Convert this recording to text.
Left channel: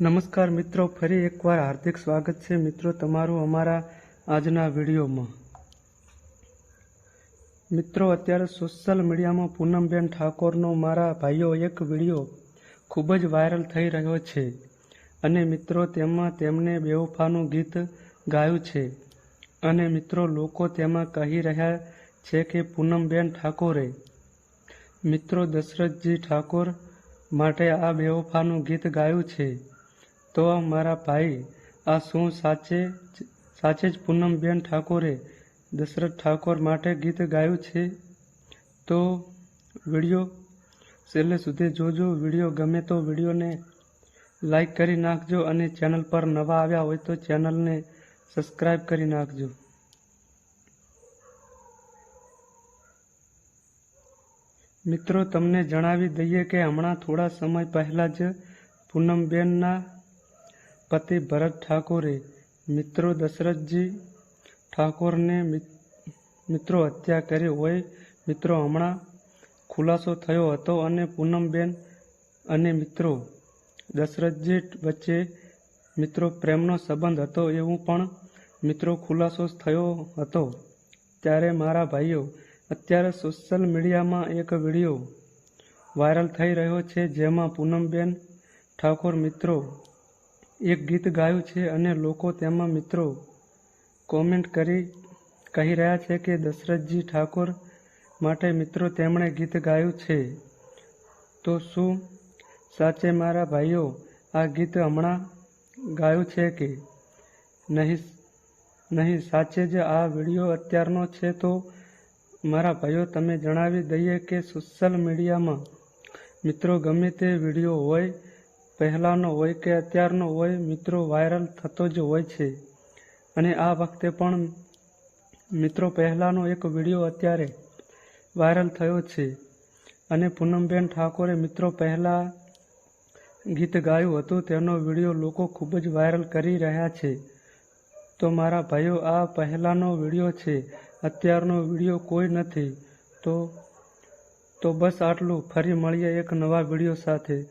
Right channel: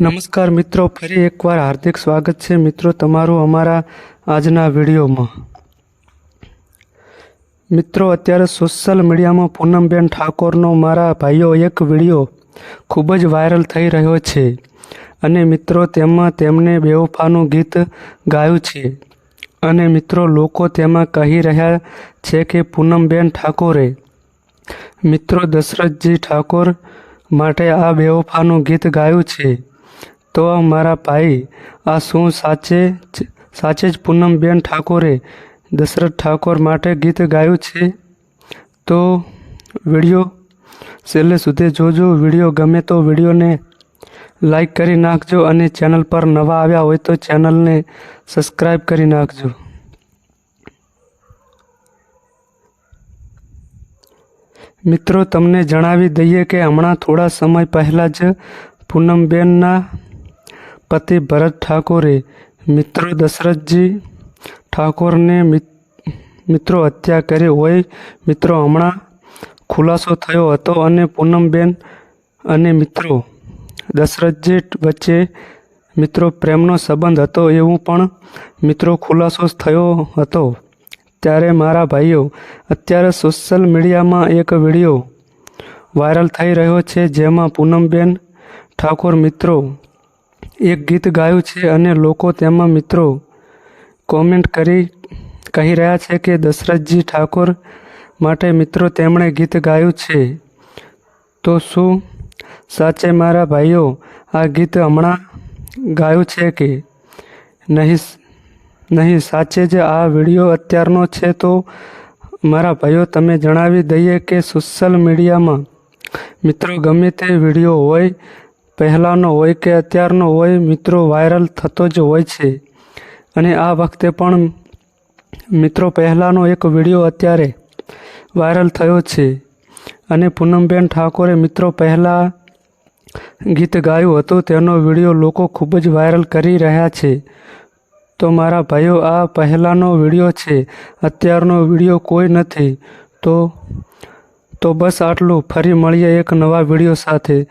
નમસ્કાર મિત્રો, ફરી એકવાર હાર્દિક સ્વાગત છે મિત્રો તમારું અમારા આજના વિડીયોમાં. મિત્રો, અત્યારે સોશિયલ મીડિયામાં પૂનમબેન ઠાકોરનો મારા ભાઈઓ એક વીડિયો ખૂબ જ વાયરલ થઈ રહ્યો છે અને મિત્રો, તેમાં તેમણે બેવફાનું ગીત ગાયું છે. અને મિત્રો, લોકો તેમાં કહી રહ્યા છે કે પૂનમબેન ઠાકોરે, મિત્રો દશરથજી ઠાકોર માટે આ બેવફાનું ગીત ગાયું છે. તો મારા ભાઈ, આ શું સાચે સાચે જ પૂનમબેન ઠાકોરે દશરથ ઠાકોર માટે ગીત ગાયું છે? તો વીડિયો છેલ્લે સુધી જોજો. વીડિયો ગમે તો વિડીયોને લાઈક કરી નાખજો અને ચેનલ પર નવા આવ્યા હોય તો ચેનલને સબસ્ક્રાઈબ કરી નાખજો. મિત્રો, તમને જણાવી દઈએ કે હમણાં થોડા સમય પહેલાં જ પૂનમબેનના પતિ ભરત ઠાકોરે મિત્રો દશરથજી ઠાકોરને મિત- મિત્રો હત્યા કરી હોય, મિત્રો હમણાં ખુલાસો થયો હતો અને પૂનમબેન અને મિત્રો દશરથજી વચ્ચે મિત્રો પ્રેમનો સંબંધ હતો એવું પણ મિત્રો ખુલાસો થયો હતો. ત્યારે મારા ભાઈઓ, અત્યારે સોશિયલ મીડિયામાં એક વીડિયો વાયરલ થઈ રહ્યો છે જેમાં પૂનમબેન ઠાકોર મિત્રો એક ગીત ગાયું છે અને લોકો તેમાં મિત્રો કોમેન્ટ કરી કહી રહ્યા છે કે દશરથજી ઠાકોર માટે મિત્રો તેમણે ગીત ગાયું છે. તો શું સાચે મારા ભાઈઓ, આ ગીત હમણાં ગાયું છે કે નહીં? નહીં, સાચે જ આ વીડિયો અત્યારનો છે તો મારા ભાઈઓ તમે જણાવી દઈએ કે સોશિયલ મીડિયામાં મિત્રો ગમે તે વીડિયો હોય પહેલાંનો હોય કે અત્યારનો હોય, મિત્રો, વાયરલ થતો જ હોય છે. અને આ વખતે પણ, મિત્રો, પહેલાંનો એક વીડિયો અત્યારે વાયરલ થયો છે. અને પૂનમબેન ઠાકોરે, મિત્રો, પહેલાં ગીત ગાયું હતું, તેનો વીડિયો લોકો ખૂબ જ વાયરલ કરી રહ્યા છે. તો મારા ભાઈઓ, આ પહેલાંનો વીડિયો છે. અત્યારનો વીડિયો કોઈ નથી. તો તો બસ આટલું. ફરી મળીએ એક નવા વીડિયો સાથે.